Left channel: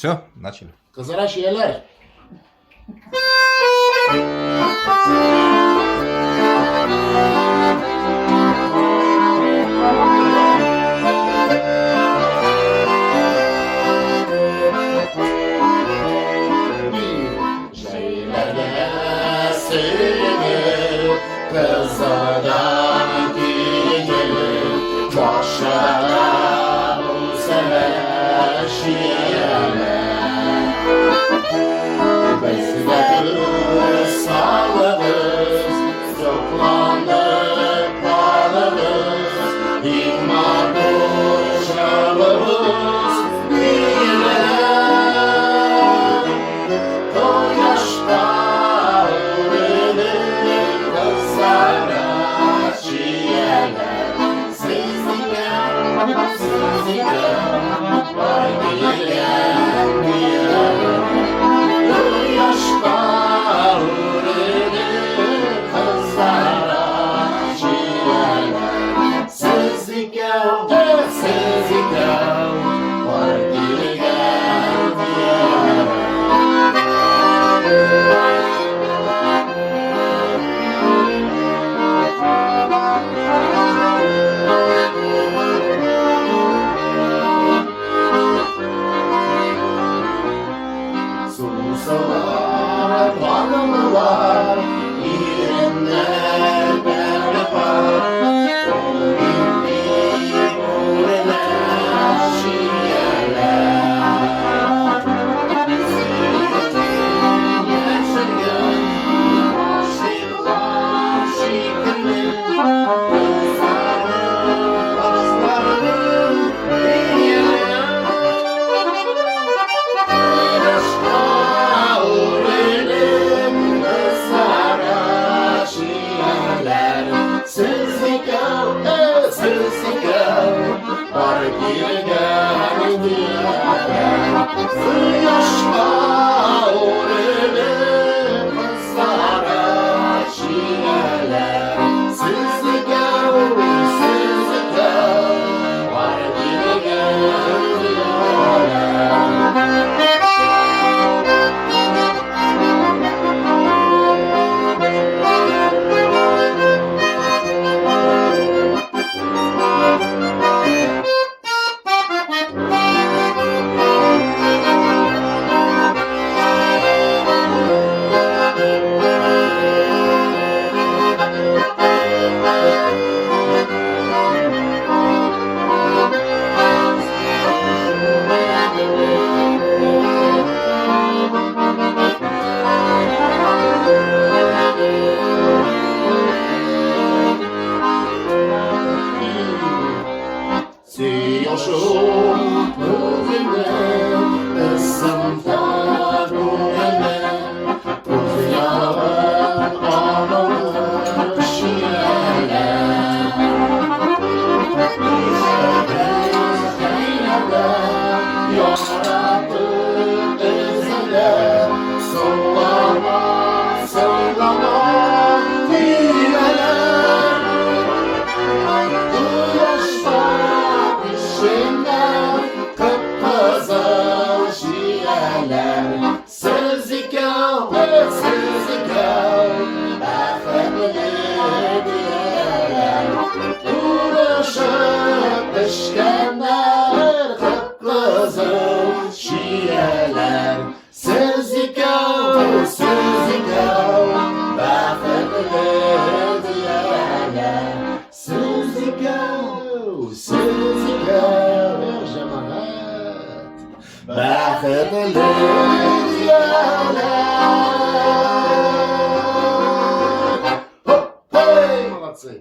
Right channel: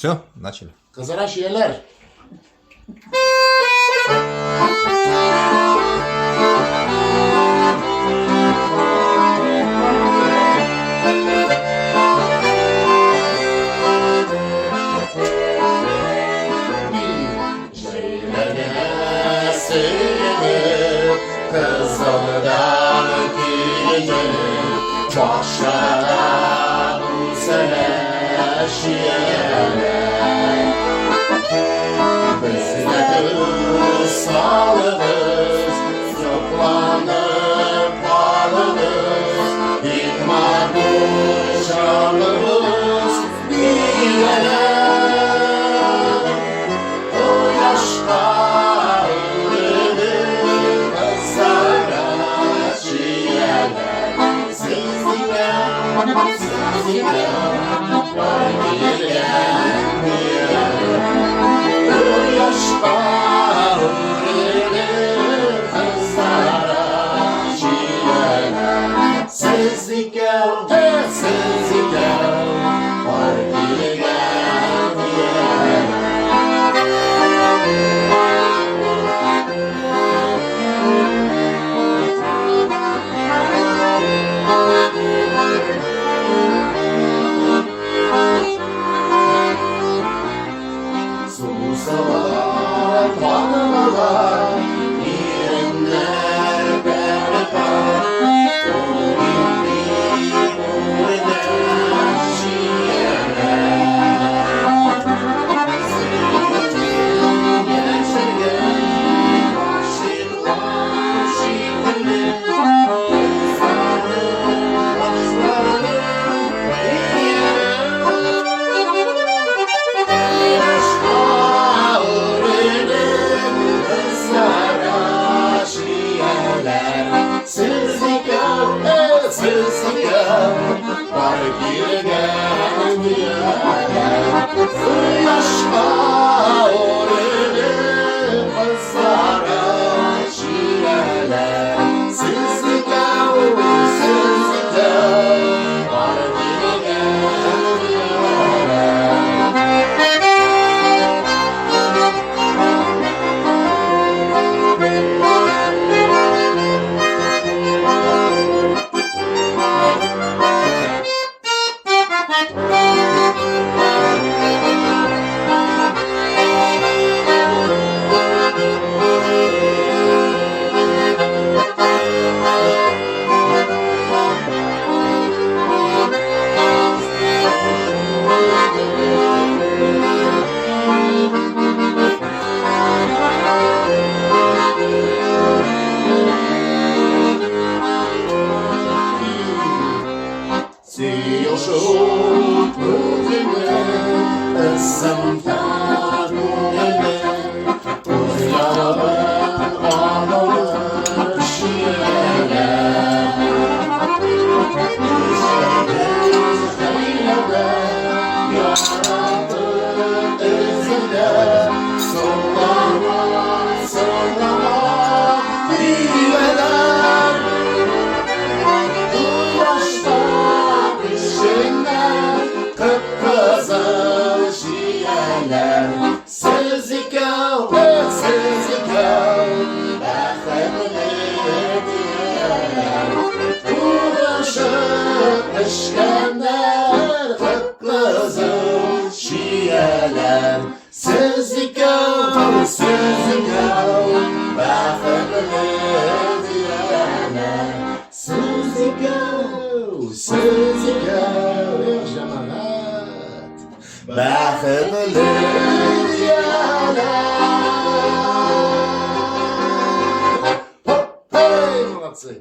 Все, начали. Kızlara şiirler. Kızlardan gelir, boşlara bu sene şiirler. Biz de gül sağlığız, zıplanıp bağlığız, İlmar bu şarlığız, bilmeler. O yaşta ölür kızlara şiirler. Sizlikler, var diyen diyen. Yaşta ölür kızlara şiirler. Sizlikler, var diyen diyen. Susalar, varmalar, irinler berbat. Onu bildiğim öğreler, şiirler. Sevdiğim yaşayan, aşıklar şiirler. Kızlarım, aslarım, Sızlıklar, var girgen diyenler. Yaşta ölür kızlara şiirler. Sızlıklar, var girgen Siyoşum özüne, ısımda gönlüme, rüzgarın ağır şiirler. Yarattın izine, sollama, diyeler. Bu yaşta kıpkızıl şiirler. Sızlıklar, bafetli diyeler. Uğraşıp işkenler, kıpkızıl şiirler. Sızlıklar, bafetli diyeler. Sızlıklar, bafetli diyeler. Hop, hey, молодцы!